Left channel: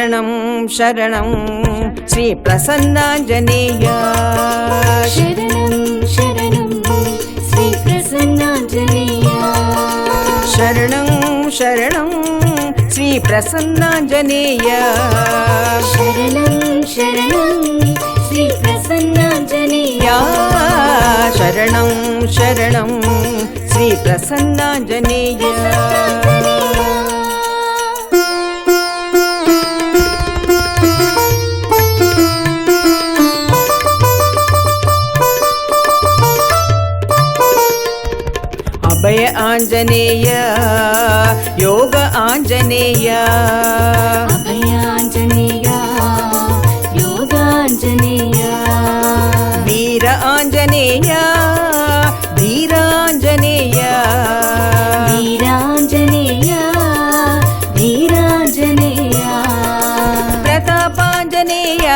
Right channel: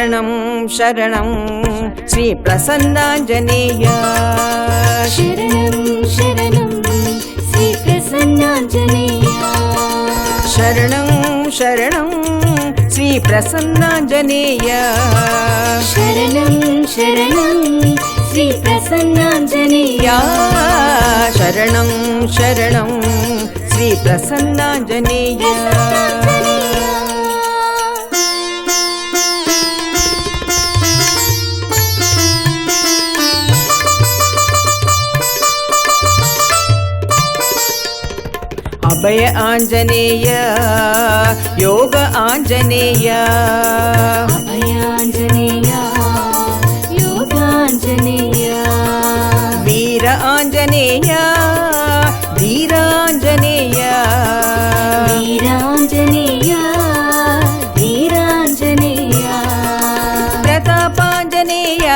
शरणं शरणं श्री प्रसन्नाञ्जनेय शरणं शरणं श्री प्रसन्नाञ्जनेय शरणं शरणं श्री प्रसन्नाञ्जनेय शरणं शरणं श्री प्रसन्नाञ्जनेय शरणं शरणं श्री प्रसन्नाञ्जनेय अभय आंजनेय योग आंजनेय अभय आंजनेय योग आंजनेय वीर आंजनेय धीर आंजनेय वीर आंजनेय धीर आंजनेय प्रताप आंजनेय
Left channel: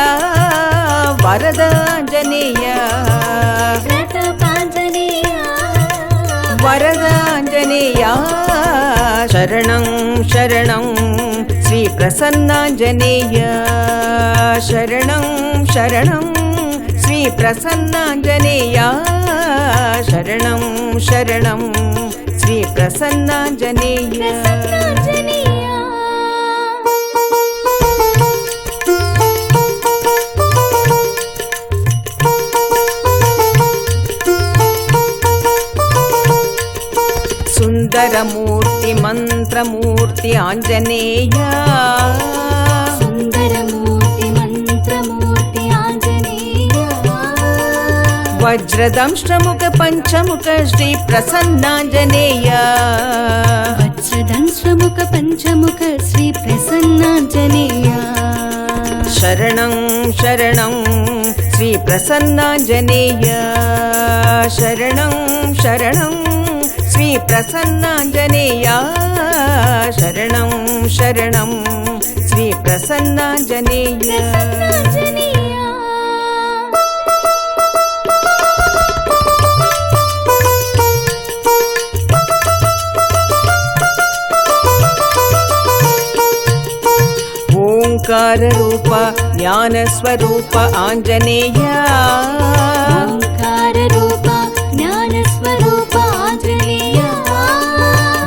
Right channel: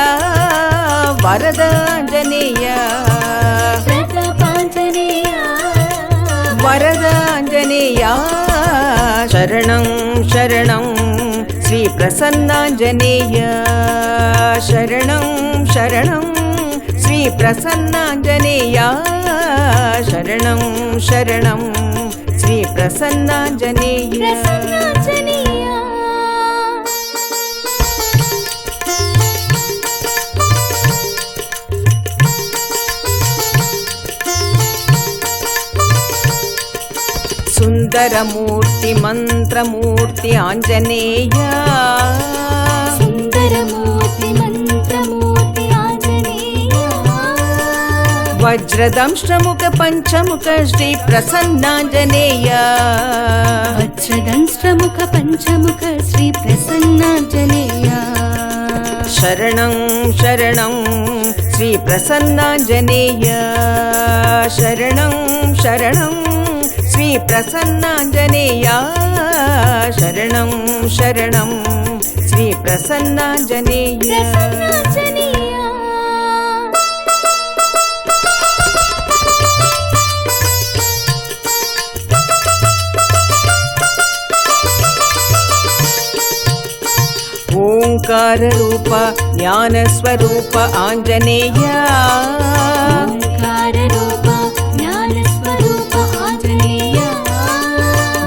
वरद आंजनेय वरदाञ्जनेय शरणं शरणं श्री प्रसन्नाञ्जनेय शरणं शरणं श्री प्रसन्नाञ्जनेय शरणं शरणं श्री प्रसन्नाञ्जनेय सुंदरमूर्ति मंत्रमूर्ति आंजनेय सुंदरमूर्ति मंत्रमूर्ति आंजनेय वज्रदंष्ट्रमुख पंचमुख श्री प्रसन्नाञ्जनेय वज्रदंष्ट्रमुख पंचमुख श्री प्रसन्नाञ्जनेय शरणं शरणं श्री प्रसन्नाञ्जनेय शरणं शरणं श्री प्रसन्नाञ्जनेय शरणं शरणं श्री प्रसन्नाञ्जनेय ओंकार रूप ज्ञान स्वरूप आंजनेय ओंकार रूप ज्ञान स्वरूप आंजनेय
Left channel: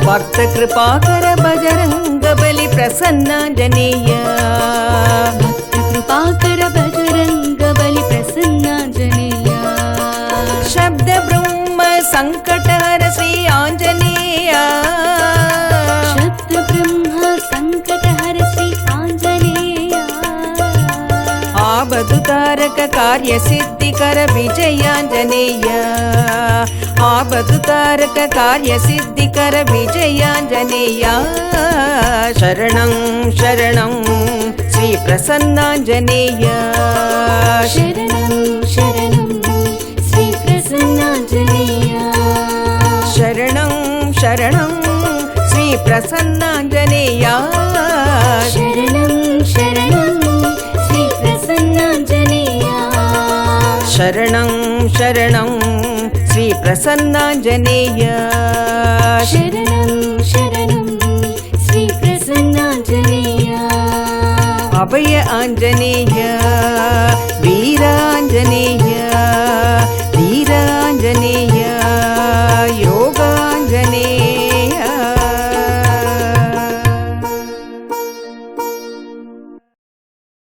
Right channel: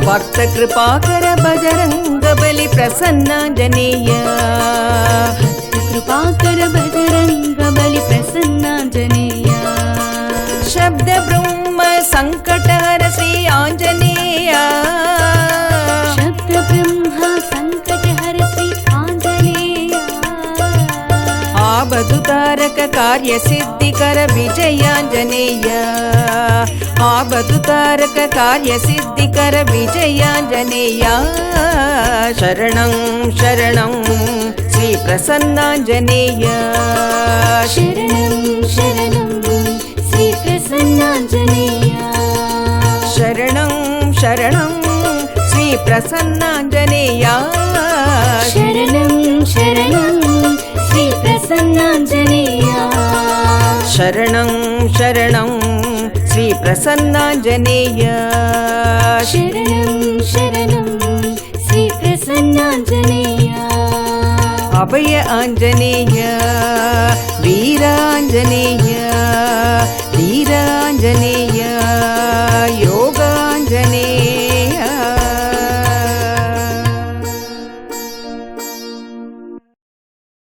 भक्त कृपाकर बजरंग बलि प्रसन्नाञ्जनेय भक्त कृपाकर बजरंग बलि प्रसन्नाञ्जनेय शब्द ब्रह्म संकटहर श्री आंजनेय शब्द ब्रह्म संकटहर श्री आंजनेय आबदुतारक कार्य सिद्धिकर विजयाञ्जनेय आबदुतारक कार्य सिद्धिकर विजयाञ्जनेय शरणं शरणं श्री प्रसन्नाञ्जनेय शरणं शरणं श्री प्रसन्नाञ्जनेय शरणं शरणं श्री प्रसन्नाञ्जनेय शरणं शरणं श्री प्रसन्नाञ्जनेय शरणं शरणं श्री प्रसन्नाञ्जनेय शरणं शरणं श्री प्रसन्नाञ्जनेय अभय आंजनेय वीरांजनेय धीरांजनेय योगांजनेय